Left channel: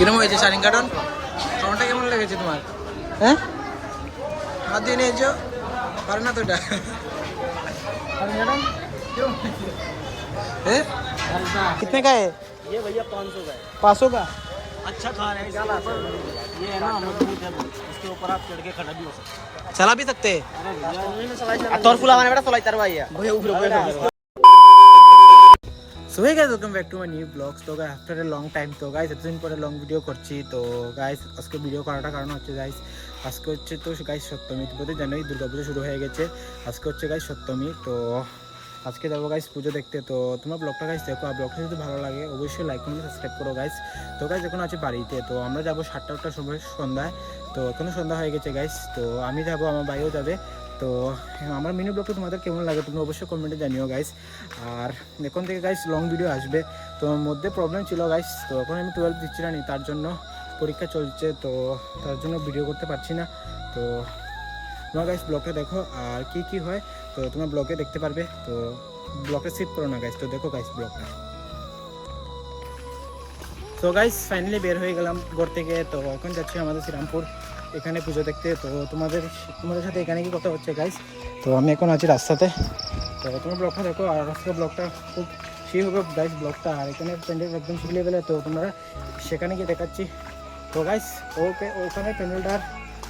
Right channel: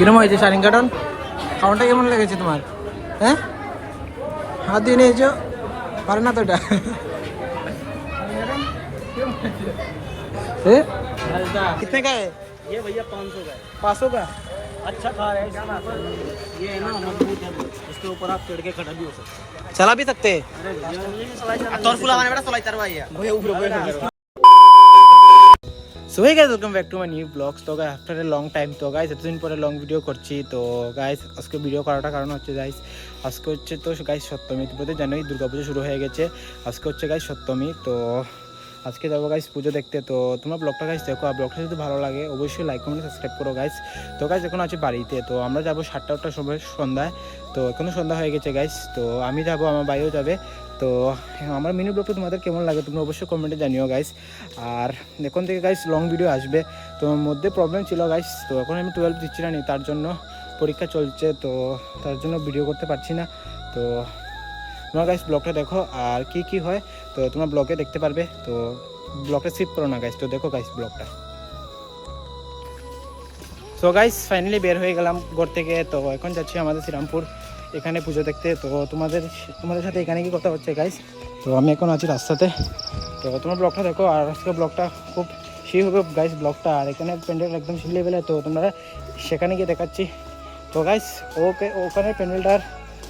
কিরম হয়েছে শাড়িং কাটন? খাওয়াটা কেমন লেগেছে তোমার? হ্যাঁ, হাত দিয়ে নিয়েছো, পারে না তো এটা। कितने का है ये भैया 500 का है। 500 का? अच्छा खा रहा है इसके ऊपर, ये है ना मजबूत है बहुत, इसके ऊपर आप चढ़ के खड़ा भी हो सकते हैं। चला भी सकते हैं? अरे भैया तोर फुला माने बेटा सोलाई तरवाई है भैया ऊपर ऊपर। So hey guys, welcome back to my new blogs. তো guys after a long time, তো গাইস এতদিন পরে লং ভিডিও করছি। তো গাইস আজকে ভিডিও করাটা কারণ হচ্ছে গাইস, আজকে হচ্ছে তো গাইস সপ্তমী। তো জানোই দুর্গাপুজো শুরু হয়ে গেছে, আজকে হচ্ছে গাইস সপ্তমী। তো আজকে যাবো গাইস পুজো দেখতে। তো তোমরা ব্লগটা গাইস দেখো, আর ব্লগটা যদি ভালো লাগে অবশ্যই লাইক কমেন্ট সাবস্ক্রাইব করো গাইস। তো গাইস এখন আছে বাড়িতে, তো আমরা যাবো 7টা-8টার সময় সন্ধ্যায়। তো এখনও সন্ধ্যা হয়ে গেছে গাইস। তো আমি যাবো, আমার ভাইও যাবে। তো আমার মিনি ব্লগটা তোমাদের কেমন লাগে তোমরা অবশ্যই কমেন্টে জানিও গাইস। আর এখন থেকে গাইস লং ভিডিও আসবে। তো মধ্যে প্রবলেম ছিল গাইস, তো এখন আমি 12 দিচ্ছি না, তার জন্য পরীক্ষা চলছে, তো তার জন্য ভিডিও করতে পারছি না। তো তোমরা গাইস ব্লগটা দেখো, আর কি কি হয় তো তোমরা ব্লগে দেখতে পারবে। তো ব্লগটা স্কিপ করো না গাইস, তো দেখো গাইস ব্লগটা। তো গাইস ফাইনালি বের হয়ে গেলাম ঘর থেকে। তো এখন যাচ্ছি আমাদের শ্রীরামপুর এখানে পুজো দেখতে। তো তোমাদের সাথে এখানে কি কথা হচ্ছে গাইস। তো আমি এখন আছি রাস্তাতে, তো তোমার ব্লগটা দেখো। আর আজকে ব্লগটা খুব সেই হবে গাইস ব্লগটা। আর এখানে প্যান্ডেল একদম সেই লেভেলে, তো তোমরা সেখানে গিয়ে দেখাচ্ছি। তো গাইস ওখানে প্যান্ডেলটার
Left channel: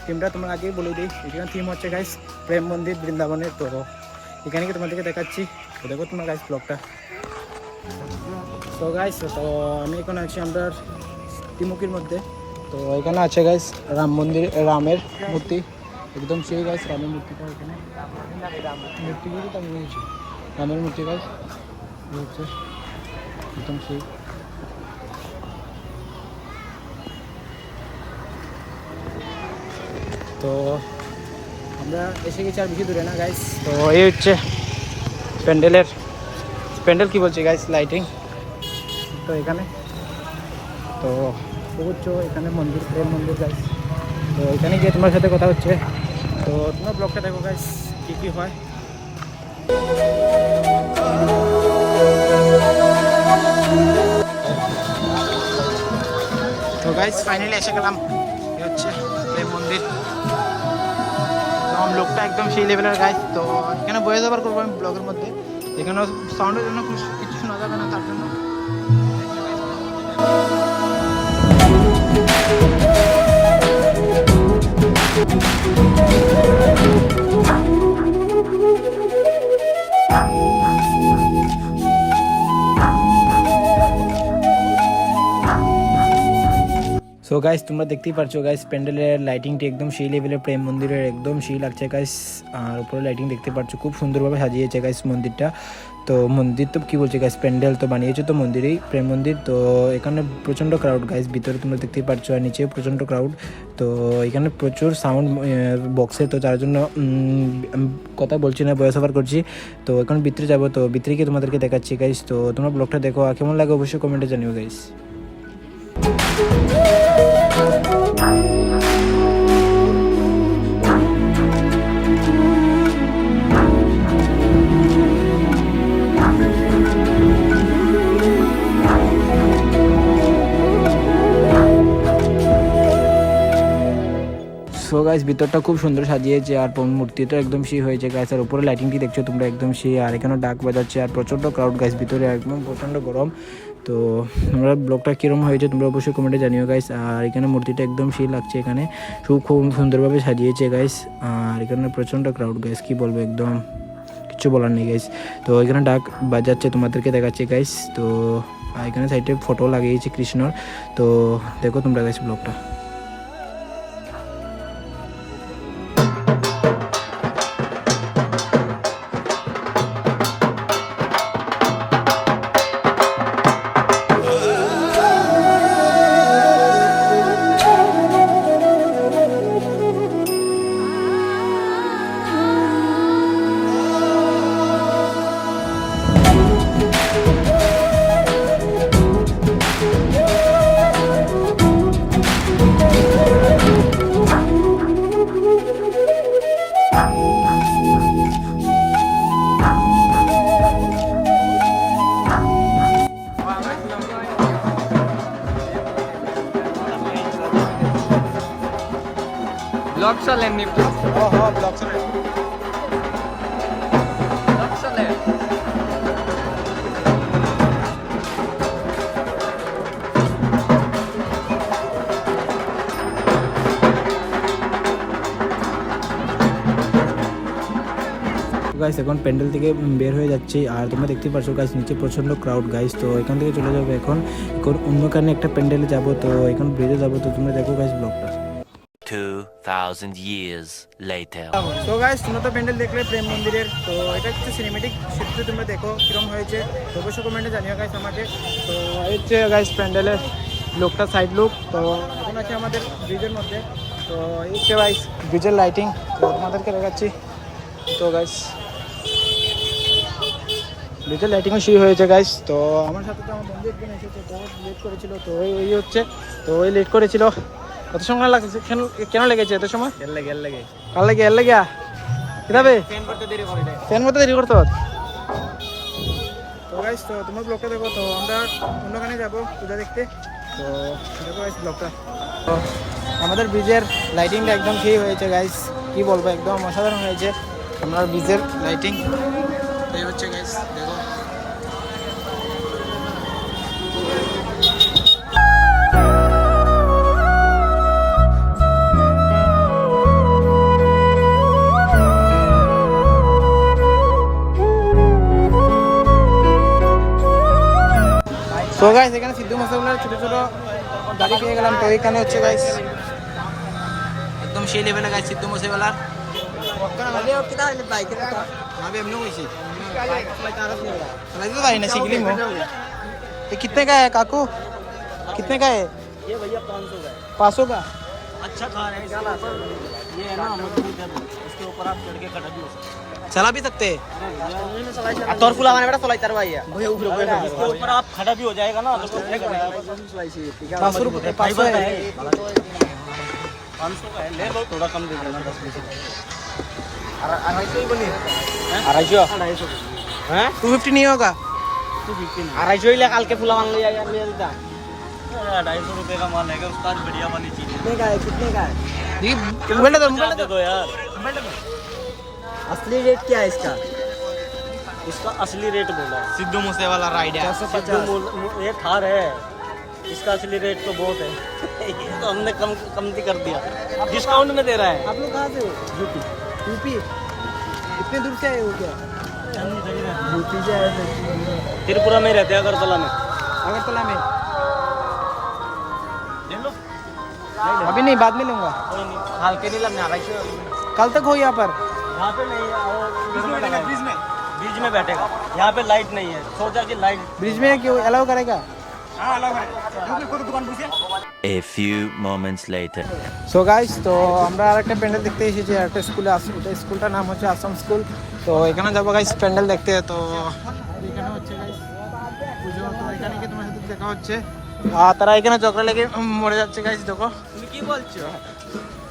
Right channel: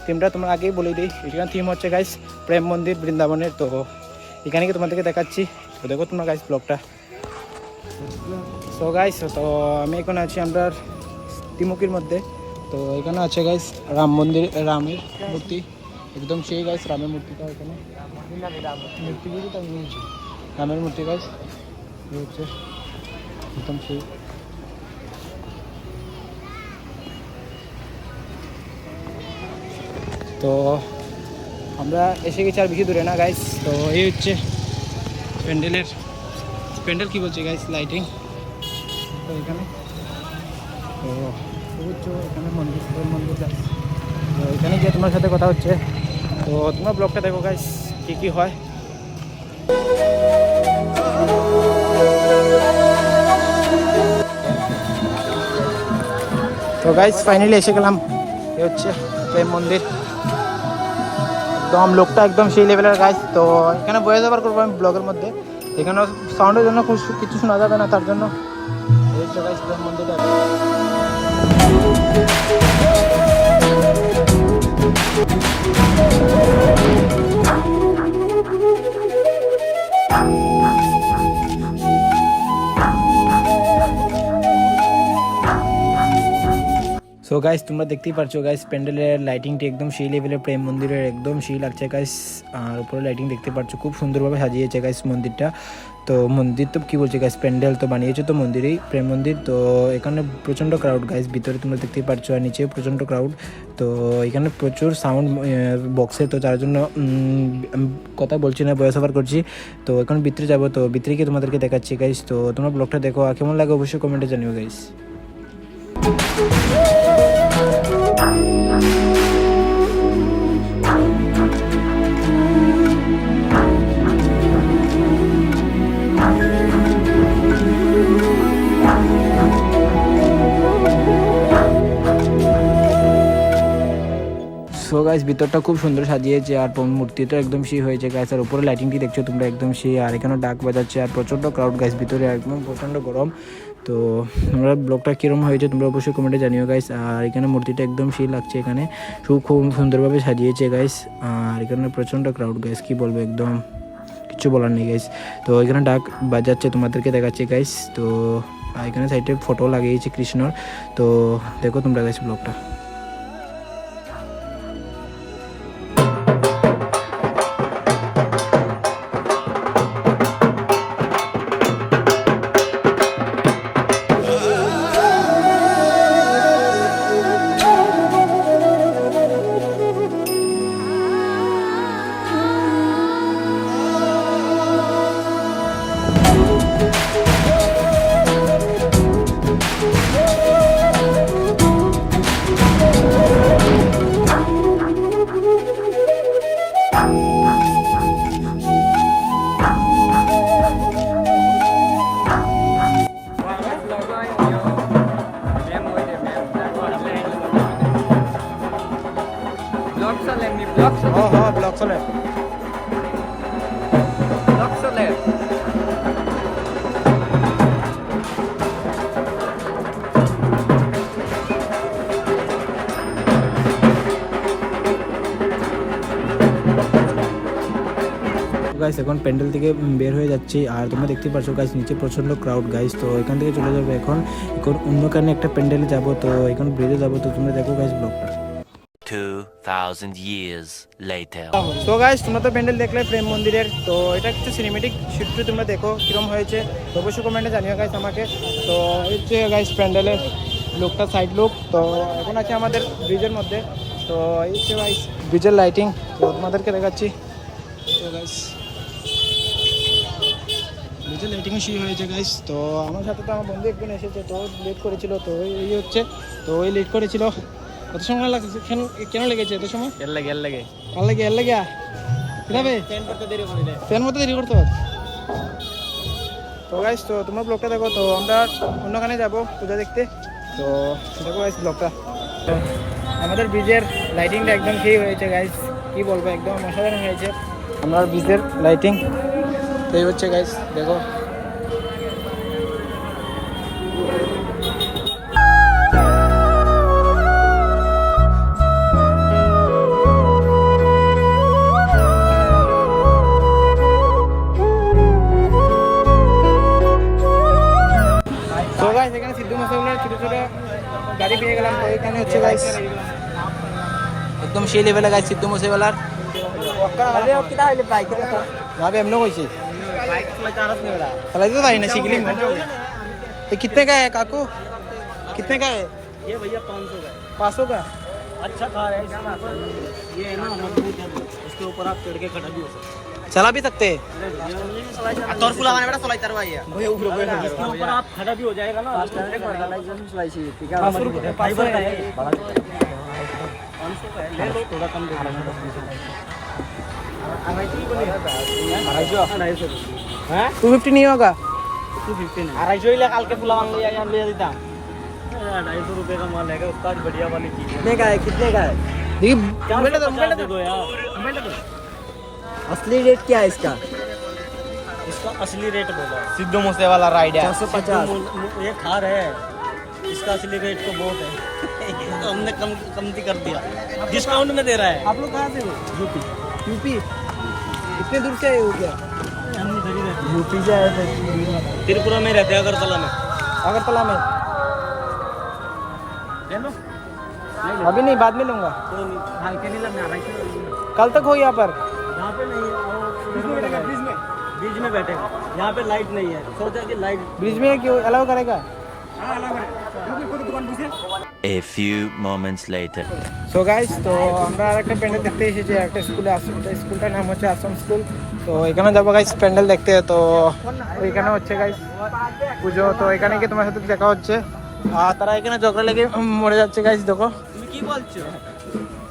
থিমটা তোমরা আগেই বলে দিই। এখানে থিম হচ্ছে গাইস প্রেম মন্দির বৃন্দাবনের। তো এখানে গিয়ে তোমাদেরকে দেখাচ্ছি, তো দেখো তোমরা গাইস ব্লগটা। তো গাইস তো আমি এখন আছি আমরা তিমুকির মধ্যে। তো এখানে আছে গাইস রাম মন্দির, রামের মূর্তি একদম সেই গাইস। রামের মূর্তিটা এখানে মূর্তিগুলো তো আমি নিয়েছি, রামের মূর্তি গাইস হচ্ছে একদম সেই। তো আমরা এসে গেছি, আর বেশি দূরে না গাইস। তো এই হচ্ছে প্যান্ডেল কি বলছে গাইস, লাইটিং। তো এখানে তো বুঝছো এখানে মন্দির, প্রেম মন্দির গাইস। তো এখানে গিয়ে তোমার সাথে কথা হচ্ছে। তো তোমার ব্লগটা দেখো গাইস কী কী হয়। তো গাইস ফাইনালি এসে গেলাম, এ হচ্ছে প্রেম মন্দির। একদম লোকটা একদম সেই লেভেলের গাইস। তো এখানে ভয়েস ওভার করবো আমি ব্লগের মধ্যে, এখানে সাউন্ডের জন্য কিছু শোনা যাবে না, তার জন্য গাইস প্রেম মন্দিরটা। সো গাইস তোমরা দেখতেই পারছো গাইস প্যান্ডেলের লাইটিংটি একদম সেই লেভেলের, প্রেম মন্দিরের একদম সেই লাগছে গাইস। আর উপরে লাইটিং দেখতে পাচ্ছ, খুব সুন্দরভাবে সাজিয়েছে গাইস মন্দিরটা। তো মন্দির তো কী বলছে গাইস, প্যান্ডেল তো বানিয়েছে তো মন্দিরেই, প্রেম মন্দির। তো এখানে প্রচণ্ড ক্রাউড গাইস, ভিতরে তোমরা দেখতেই পাচ্ছ, আর নিচেও প্রচণ্ড ক্রাউড। তো এখানে প্রচুর সাউন্ড বক্সে, তো যার জন্য কথা বলছি না, ভয়েস ওভার করছি। তো এখন ভিতরে যাবো, তো ভিতরে গিয়ে তোমাদেরকে দেখাচ্ছি গাইস। তো তোমরা ব্লগটা দেখো, আর কেমন লাগে অবশ্যই কমেন্টে জানিও গাইস। সো গাইস ভিতরটা খুব সুন্দর সাজিয়েছে, আর মূর্তিটা একদম সেই হয়েছে গাইস। আর উপরে লাইটিংটি দেখছো তোমরা একদম সেই, আর এখানে ডাক বাজাচ্ছে, আর প্রচণ্ড ক্রাউড গাইস ভিতরে, একদম প্রচণ্ড গরম। তো তোমরা ব্লগটা কীরকম হয়েছে তোমরা অবশ্যই কমেন্টে জানিও গাইস। আর এখানে মূর্তিটা একদম সেই লাগছে, এখানে খুব সুন্দরভাবে সাজিয়েছে গাইস। আর এখানে প্রচণ্ড ক্রাউড গাইস, কী বলবো, একদম কিছু বলার নেই গাইস। তো এখানে ডাক বাজাচ্ছে, তোমাদেরকে দেখাচ্ছে গাইস। তো এখানে সাইডে ফটো লাগিয়েছে কৃষ্ণর। তো দেখো তোমরা গাইস ব্লগটা। ব্লগ চলে এমনি ব্লগ চলে গাইস এখন প্যান্ডেল থেকে বের হয়ে যাচ্ছি আর তোমরা দেখতে পাচ্ছ গাইস নিচে প্রচন্ড ক্রাউড গাইস তো এখান থেকে চলে যাবে এখন অন্যখানে একটা প্যান্ডেলে যাব তো এখন ব্রিজে যাব তো তোমরা দেখো গাইস ব্লগটা 2000 years later. তো গাইস তোমরা তো প্যান্ডেল দেখলে প্রেম মন্দিরের তো এটা কিছু সিনেমেটিক শিফট তোমরা দেখো কিরম হয়েছে তো অবশ্যই কমেন্টে জানিও গাইস আমাকে তো এই হচ্ছে গাইস প্যান্ডেলের লুকটা সাইড লুক তো এখন আছে আমাদের ব্রিজের মধ্যে তো এই হচ্ছে গাইস ব্রিজের লাইটিং তো তোমাদেরকে দেখাচ্ছি তো গাইস ব্রিজের লাইটিংও শুরু হয়েছে গাইস তো আমার সাথে তো আমার বন্ধু একদিন এসেছে তো লেট করেছিল তো এই হচ্ছে তো ওই লেট করেছিল কত সময় লাগছে কেন লেগেছে এত সময় এর লাগে কাল লাগে এর লাগে কিভাবে ফ্যান করতে দেরি করে দে ফ্যান মতো দেরি করতো তো গাইস তো তোমরা ব্লগটা দেখো তো আমরা অন্যখানে যাবো পূজা দেখতে তো দেখো গাইস ব্লগটা তো আমাদের ব্রিজের লাইটিংটা একদম সেই হয়েছে গাইস কি বলবো একদম অসাধারণ হয়েছে আমরা ব্রিজের লাইটিং এই হচ্ছে গাইস দেখো তো গাইস এখানে সিদ্ধু মশাইগুলোর ছোট ছোট গাড়ি পেয়ে গেলাম তো এখানে হচ্ছে গাইস একদম সেই লেভেলে গাইস সিদ্ধু মশাইওয়ালার ভাবে এমনি কইছি चलाइए तो भाई ना शिकली में ये कितने का है काकू कितने का है ये भैया 500 का 500 का अच्छा कार है इसके ऊपर ये है ना मजबूत है बहुत। इसके ऊपर आप चढ़ के खड़ा भी हो सकते चला भी सकते हैं हैं तोर पुला वाला बेटा सोलाई तरवाई है भैया ऊपर इसके ऊपर आप खड़ा भी हो जाएगा ना तो 500 रुपये 500 है 500 का है ले लो थोड़ा कम दे देना 10-20 रुपये 250 नहीं होगा 250 ले काल के फुला मान ले यार ले देता 250 रुपए का माल है उसका बढ़िया वाली चीज है कितने का है देखिए मोबाइल दे दो यार असली रेट क्या है इसका इसका असली रेट बोला है सिद्धू मूसे वाला राइड है 450 ये थार है इसका असली रेट तो बहुत है तो हमने कमती कर दिया डिस्काउंट में दे रहा है आप लोग कहाँ से हो यूपी इतने दूर से आए हो क्या हम इधर ही रहते यूपी से आए थे हैं त्रिपुरा में रहते हैं अगरतला में अगरतला में ले लो अभी नहीं बाद में लूंगा कोई नहीं हाल के नहीं लगना कल तक हो यहाँ पर यहाँ पे नहीं बीच में बैठेगा यहाँ पे लाइट नहीं है सोचा कि लाइट ब्रिज में क्यों अलाउ करेगा A few moments later. So guys তো আমরা আরেকটা প্যান্ডেল দেখতে এসেছি একটা স্কুলে আসছি এটা স্কুলটার নাম হচ্ছে আসাম স্কুল তো এখানে যাবো গাইস প্যান্ডেল দেখতে তো ওইখানে হচ্ছে গাইস পুজো তো এখানে গিয়ে তোমার সাথে দেখা হচ্ছে আর তারা এখানে ঝগড়া লেগে মরে যাচ্ছে গাইস দেখো তুমি কি বলছো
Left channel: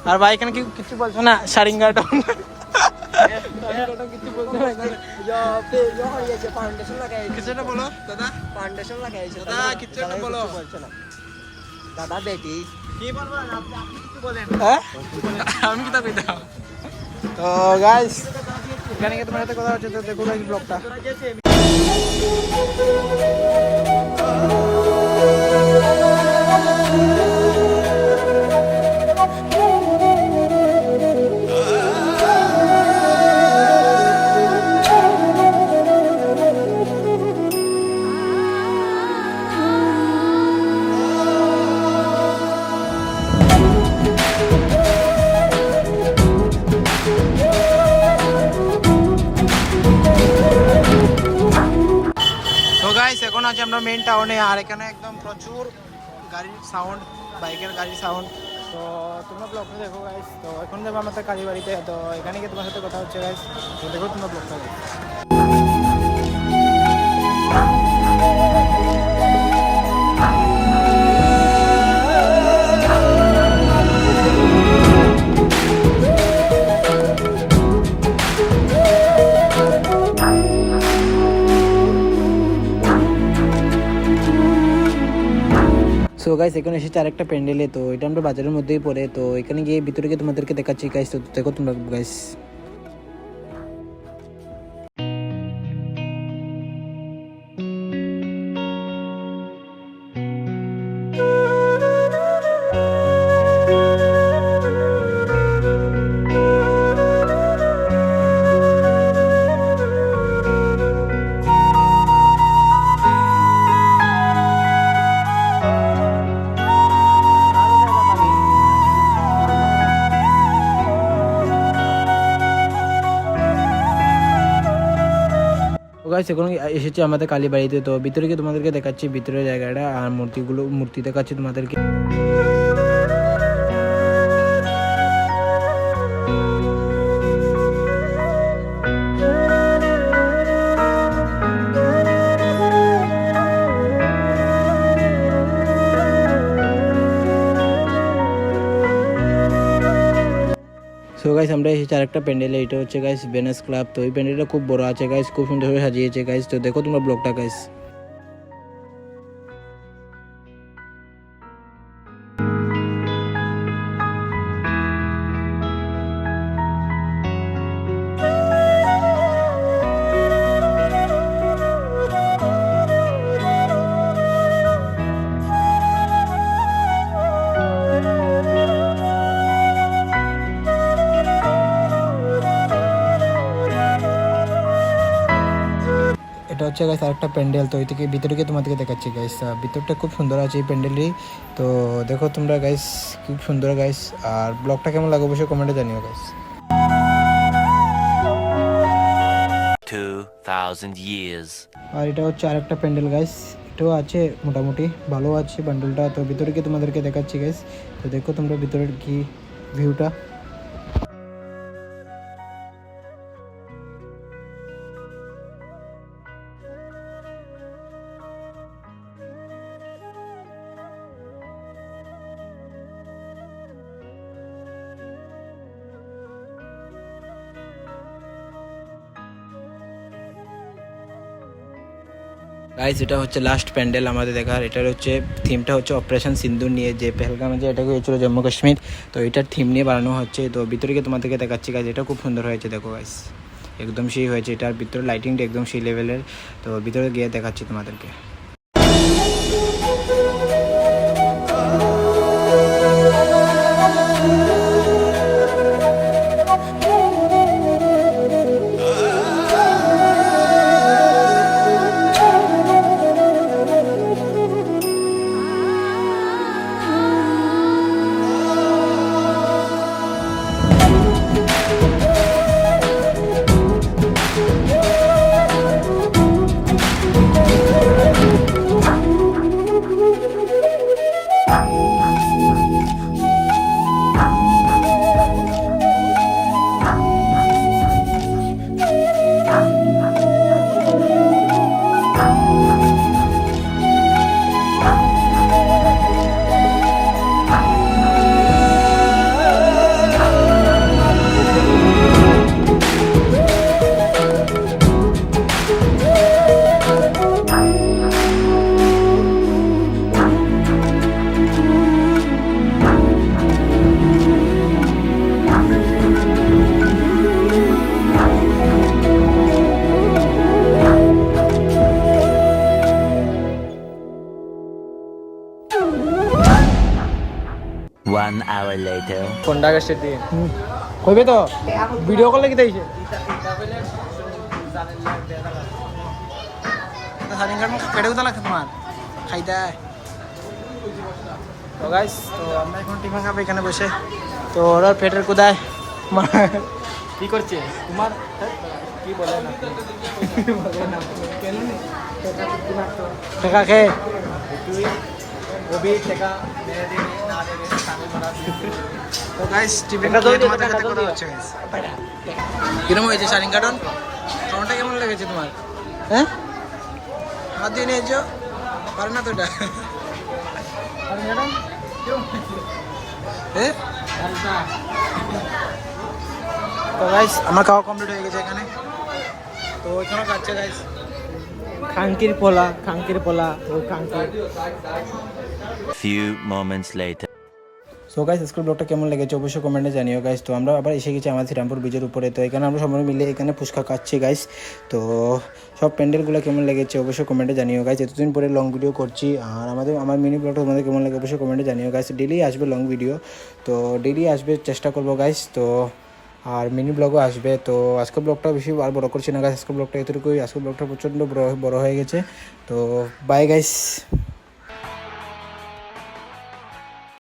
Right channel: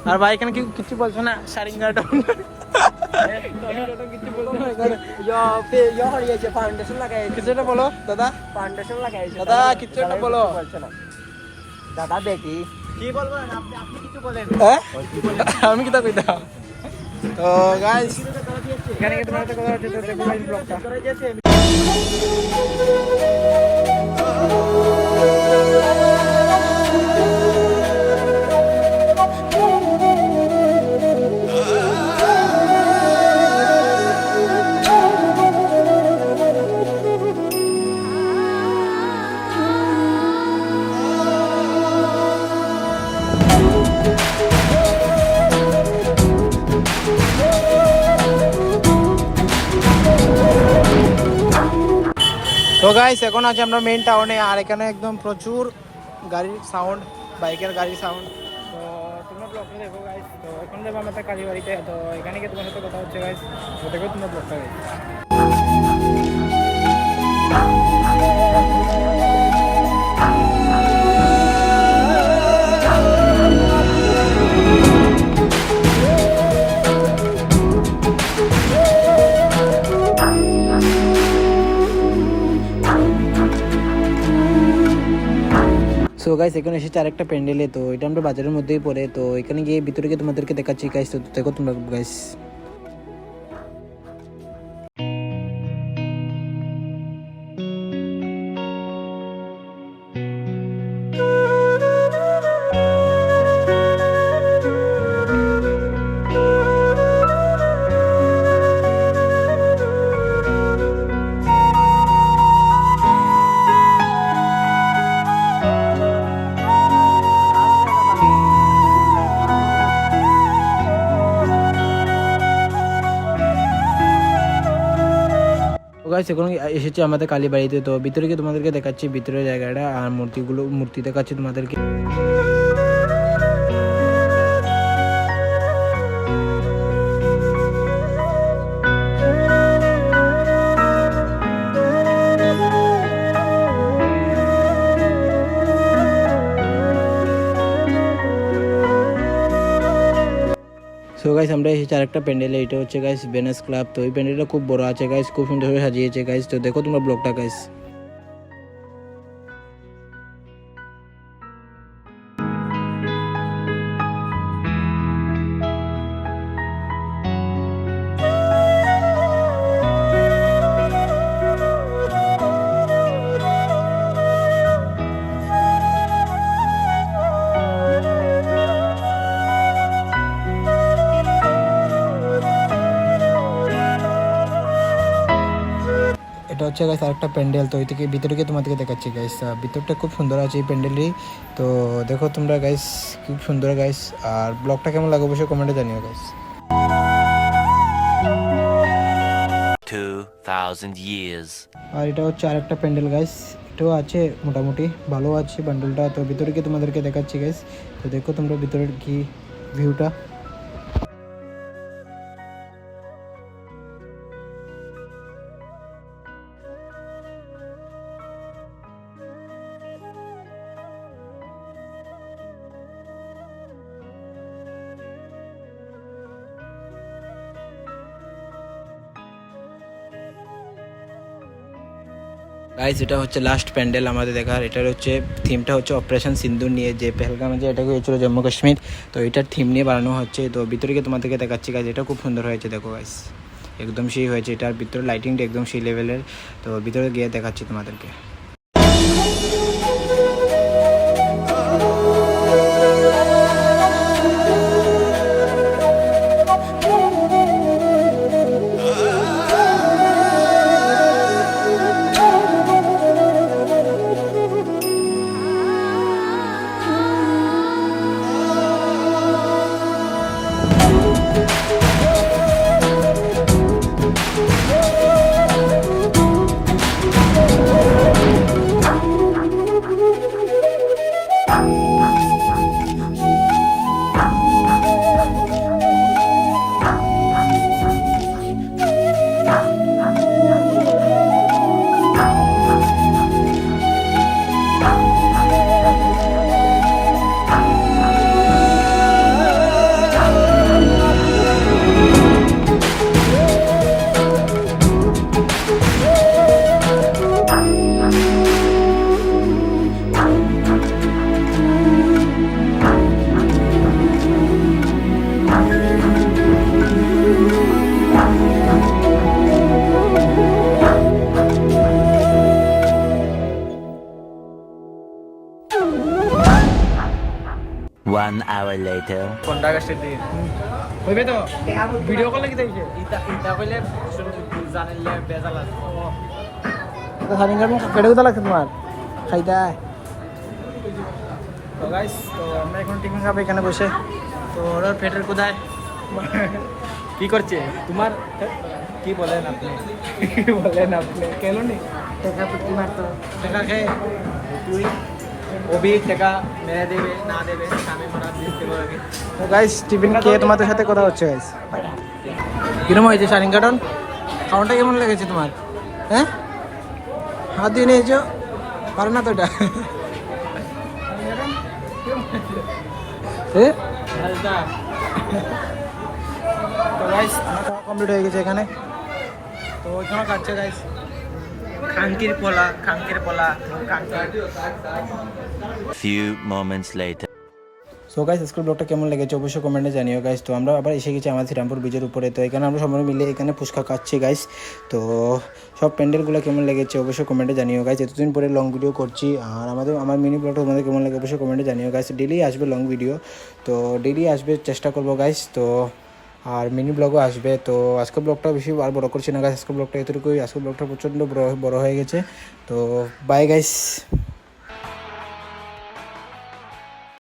আর ভাই এখানে কি কিছু বলছো না সারিঙ্গাটা কিছু বলছো না এখানে फाउंडेशन लगाए কিছু একটা বলো দাদা फाउंडेशन लगाए দাদা কিছু একটা বলো दादा बेटी কি বলবো আপনি কিছু বলেন হ্যাঁ আমি কি তা কইতাম তো গাইস এখানে কি তোমার সাথে কথা হচ্ছে তো দেখো গাইস ব্লগটা তো গাইস এখন আছে আমরা মেইন টাউনে আর এখানে একদম প্রচুর গাড়ির সাউন্ড বাইকের গাড়ির সাউন্ড তো তোমরা ব্লগটা দেখো গাইস তো এখন যাবো আমাদের কালীবাড়িতে তো এখানে গিয়ে তোমার সাথে কথা হচ্ছে গাইস তো দেখো তোমরা ব্লগটা গাইস সো গাইস এখানে এসেছে আরেকটা প্যান্ডেলে, তো এটা আমরা বাজারের মধ্যেই পড়ে, তো এখানে গিয়ে ভিতরে গিয়ে তোমাদেরকে দেখাচ্ছি গাইস, তো দেখো তোমরা গাইস। গাইস এখন এসেছি আমাদের কালীবাড়িতে, তো ভিতরে গিয়ে তোমাদেরকে দেখাচ্ছি ভিতরের জায়গাটা আর মূর্তি দেখাচ্ছি তোমাদেরকে। সো গাইস আমরা এসেছি আরেকটা প্যান্ডেলে, এটা হচ্ছে গাইস ভেনাস ক্লাব। তো এই প্যান্ডেলটা খুব বড় আছে গাইস, খুব সুন্দর করে সাজিয়েছে গাইস, তো দেখো তোমরা ব্লগটা গাইস। এটা হচ্ছে গাইস আরেকটা প্যান্ডেল, তো ওই থেকে ভিতরে গিয়ে তোমাদেরকে দেখাচ্ছি গাইস। ভিতরটা খুব সুন্দর আছে এই প্যান্ডেলটি, তো দেখো তোমরা গাইস খুব সুন্দর গাইস। আর ব্লগটা কেমন লাগে অবশ্যই কমেন্টে জানিও গাইস। 2000 years. আর এটা হচ্ছে আরেকটা প্যান্ডেল গাইস, এটাও আছে মোটামুটি ভালো আছে প্যান্ডেলটা, তো ভিতরে গিয়ে তোমাদেরকে দেখাচ্ছি গাইস। তো দেখো তোমরা ভিতরের কি ভিউটা। গাইস এটা হচ্ছে লাস্ট প্যান্ডেল আমাদের দেখার, এটার হচ্ছে থিমটা হচ্ছে অপারেশন সিন্দুর নিয়ে, যে পেহেলগামে যে এটাকে হয়েছিল জম্মু কাশ্মীর, তো এটার থিম নিয়ে বানানো হচ্ছে। তো ভিতরে গিয়ে তোমাদেরকে দেখাচ্ছি গাইস, এটা খুব সুন্দর হয়েছে দেখো গাইস, একদম সেই হয়েছে, এটার ভিতরে লাইটিংটা একদম সেই লেভেলের। তো ভিতরে গিয়ে দেখাচ্ছি তোমাদেরকে। One hour later. কোনটা গেছে দিয়ে কইবে তো ভিডিও কল লাগি দেইছে তো সানি গান কেটে কোথা লাগছে তোমার খাইতা। তো গাইস তো আমরা এখন টিফিন খাবো এখানে বসে, তো ওরা পেটের কোদায় কি করছে তোমার কি বলেন আপনি কেন নেই টাকা খেয়ে তুই ওবি টাকা মেরে দেবে না দেবে সামনে মারা দিয়ে দেবে। তো গাইস টিফিন খেয়ে তোমাদের সাথে কথা হচ্ছে গাইস। কিরম হয়েছে শাড়িং কাটন কাউন্টটা কেমন লেগেছে তোমার? হ্যাঁ হাত দিয়ে নিয়েছো পারে না তো এটা তো গাইস আমার খাওয়া কমপ্লিট হয়ে গেছে এখানে, তো এখানে খাচ্ছে গাইস খাঙ্কির পোলা খাঙ্কির Few moments later. So guys আজকের ব্লগটা কেমন লেগেছে অবশ্যই কমেন্টে জানিও গাইস। তো আমরা আবার এসে গেছি আমাদের শ্রীরামপুর ব্রিজের উপরে। তো এখানে আমরা সবাই মিলে এখানে ফুচকা খাচ্ছি গাইস। তো সব প্যান্ডেলগুলো কেমন লেগেছে অবশ্যই কমেন্টে জানিও গাইস। এতদিন পরে লং ভিডিও করছি আর আমার মিনি ব্লগটা তোমাদের কেমন লাগে অবশ্যই কমেন্টে জানিও গাইস। ডেলি আসবে লং ভিডিও, তো ডেলি আসবে চেষ্টা করবো গাইস। তো আর মিনি ব্লগও আসবে। তো আজকের ব্লগটা বেশি আর বড় করছি না গাইস, আজকের ব্লগটা এতটুকুই। আজকের ব্লগটা প্রচণ্ড বড় হয়ে গেছে। তো বাই গাইস।